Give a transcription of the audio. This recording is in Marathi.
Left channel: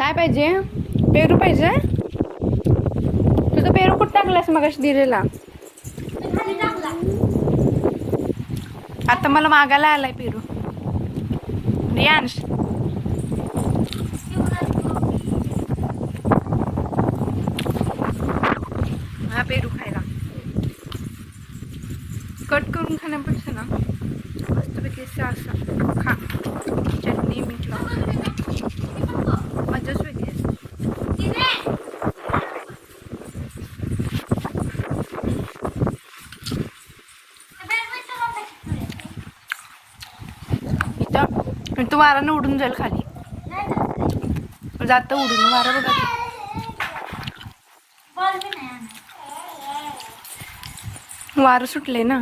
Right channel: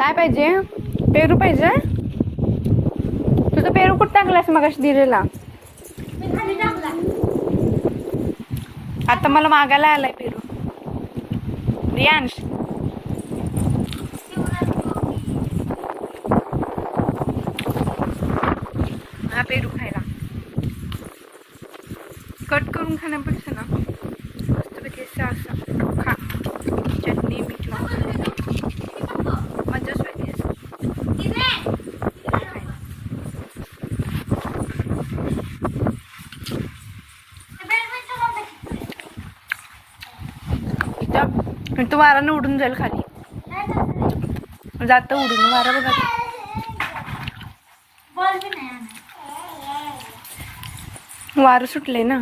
काय पाहिजे? पेरू पाहिजे? तुझं पेरू कुठं टाकलास मगाशी दिलेला? आता मला मागायला आलाय पेरू. रियांश हा पेरू खायला. कट करून खाण्यापेक्षा ना मस्तपैकी असं खा. चटणी मीठ लावून मजाच वेगळी असते. इथं वारानं उडून जाईल खाली. जातं उडून वारा बघा. वारं सुटलंय ना.